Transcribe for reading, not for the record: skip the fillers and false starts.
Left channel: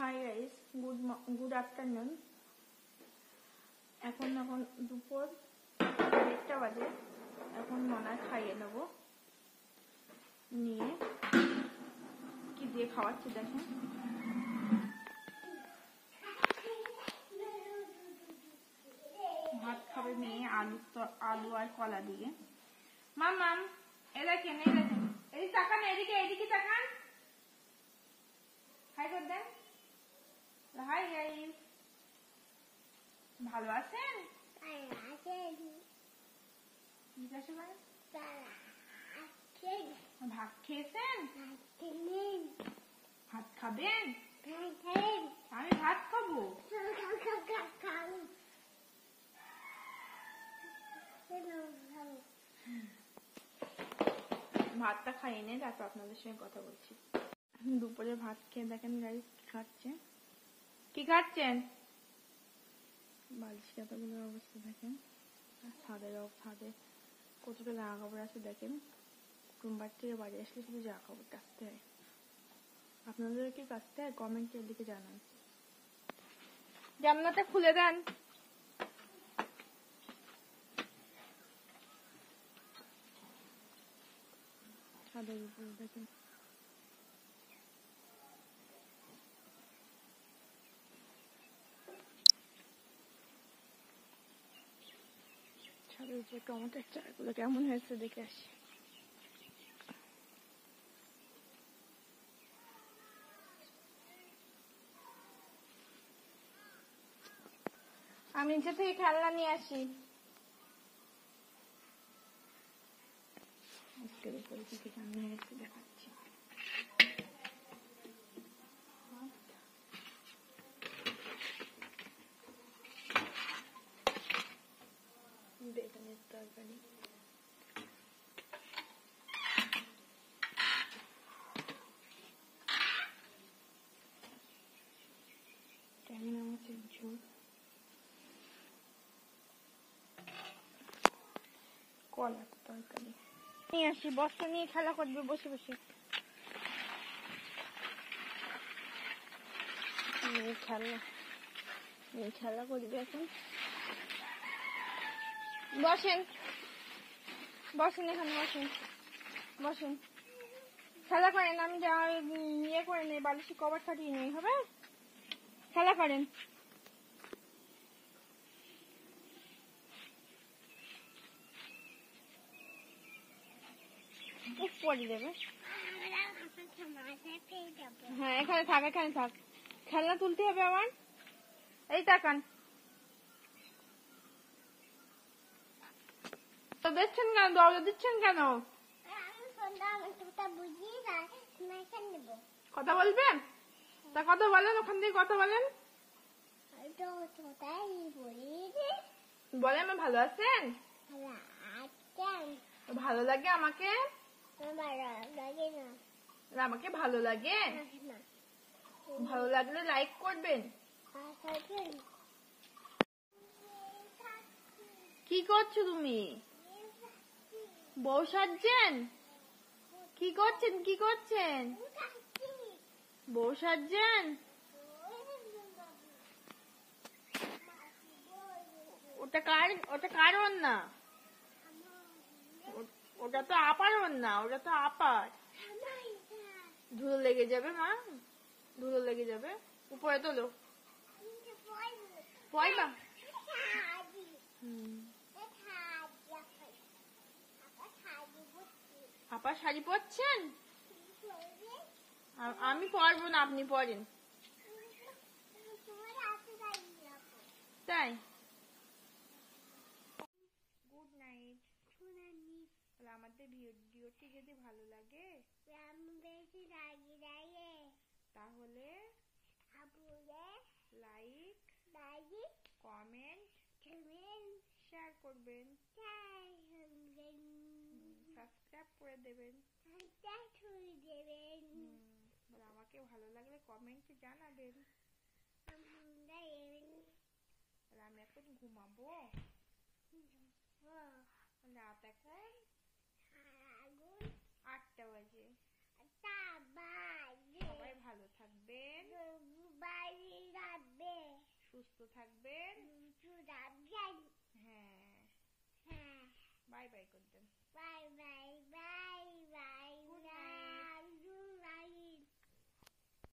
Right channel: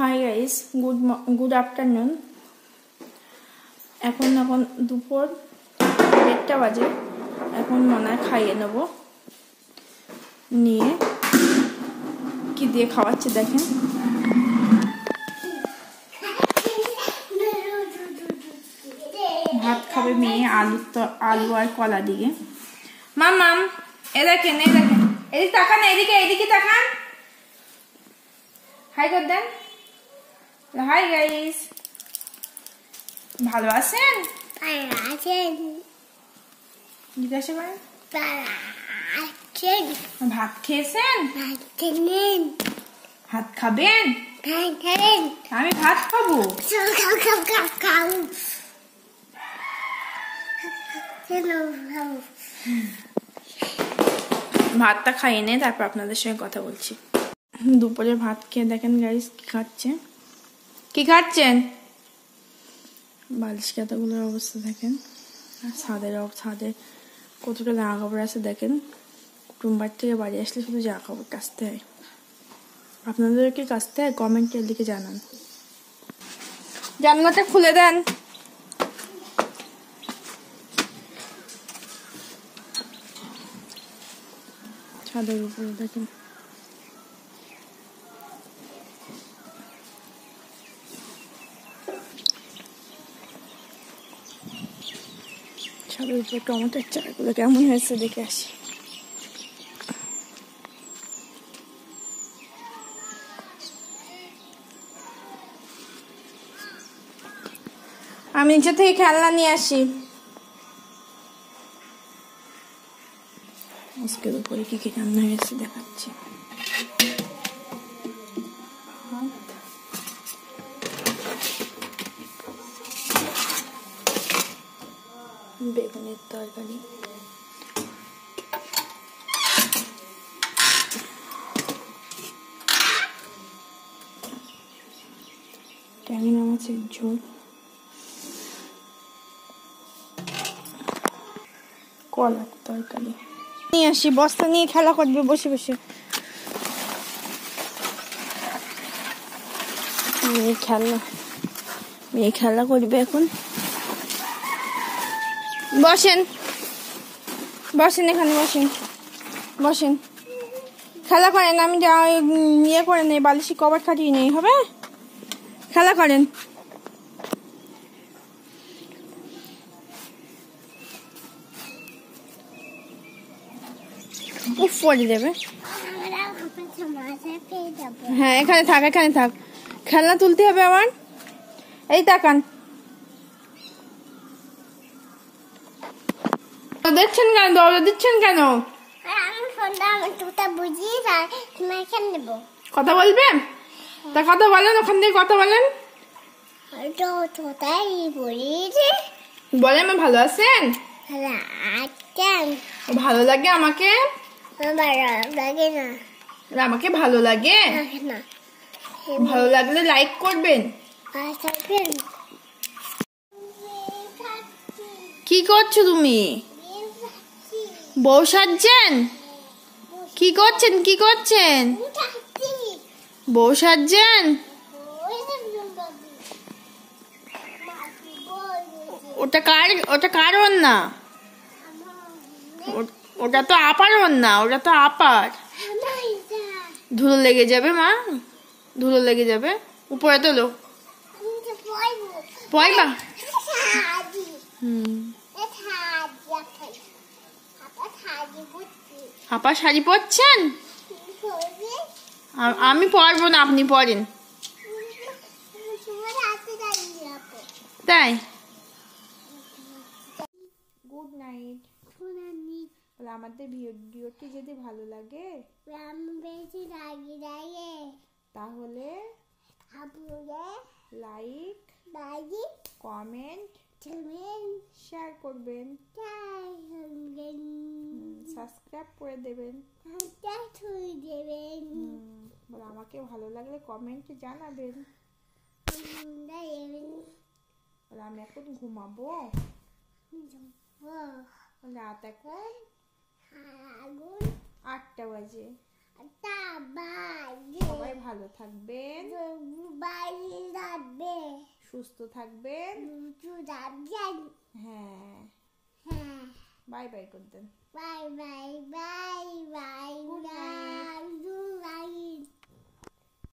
Hi guys, good afternoon. এখন দুপুর 1টা বাজে। এখন মনে হয় খাইয়ে নেব। নিয়ে কি দিয়ে খাওয়াচ্ছে দেখেন। ভাত খাবে মেয়ে আলু আর কলা দিয়ে। মাম এ দেখেন এদিকে তাকান, এদিকে তাকান। হাই কর দেন। হাই গাইস, ভালো আছেন? জিজ্ঞাসা করেন। ভাত খেয়েছেন? ভাত খাবেন? আমি ভাত খাবো। ভাতটা খাইয়ে নে, তারপর আপনাদের সঙ্গে কথা বলছি। দুপুরে ভাত খেয়ে দেখেন গাইস কি খাচ্ছেন। বালিশ কাতাগুলোর অবস্থা দেখেন, আর ছাদে কতটা জামা কাপড় আছে দেখেন। কুটুম্বার থেকে বাড়ি আসলে শুধু জামা কাপড় কাচতে হয়। আপনাদের কি কাচতে হয়? কমেন্টের দিকে জানান। জানলাটা খুলে দেন। ছাদের উপরে দেখেন ছাদের উপরে টমেটোর চারাগুলো কেমন হয়েছে দেখে আসি। আমি নিচে থেকে খেলনা নিয়ে আসি। আজকের উপরে কি রান্না হয়েছে দেখাচ্ছি। বেগুনের তরকারি, ট্যাংরা মাছের ঝোল, কলার তরকারি নিয়ে আসি। বস্তা নিয়ে খেলা করবে বসে বসে। মেয়ে খেলা করবে এখন। বসেন এখানে বসেন খেলা করেন। আমি ইয়ে করে নেই, বালিশি কভার কাটিয়ে নেই, হবে? খেলা করেন। উফ পড়ে দেবে। হ্যাঁ, এখানে থাক খেলনা তুলতে হবে আমার। এই তাকান, দেখছেন কেন? দরজা দিচ্ছেন কেন? কথা বলবেন? তা কথা বলেন, ওখান থেকে কথা বলেন। বলেন ভালো আছেন? ভালো লাগে আমাকে? আমাকে ভালো লাগে। ভালো লাগলে লাইক করবেন। কি করছো তুমি? বউ সাজছেন? কি করছেন? বউ সাজছেন? ওটা কার ওড়না? ওটা তো আপার ওড়না। ওটা তো আপার। ধুলো লেগে যাবে মা, ধুলো লেগে যাবে। উপরে তোলো। পয়বা। আপা শাড়ি পরছেন? আমি পরবো না, আপনি পরেন। তাই? Good night. আমাদের ভিডিওটি যদি ভালো লাগে তাহলে লাইক, কমেন্ট, শেয়ার করবেন, সাবস্ক্রাইব করে দেবেন। আমাকে ভালো লাগলে কমেন্টে জানাবেন। আমি এখন ঘুমাবো। রাত এখন 8টা বাজে। সবাই ভালো থাকবেন। সুস্থ থাকবেন। হ্যাঁ, হ্যাঁ, বাই বাই করে দেন। Bye bye bye by.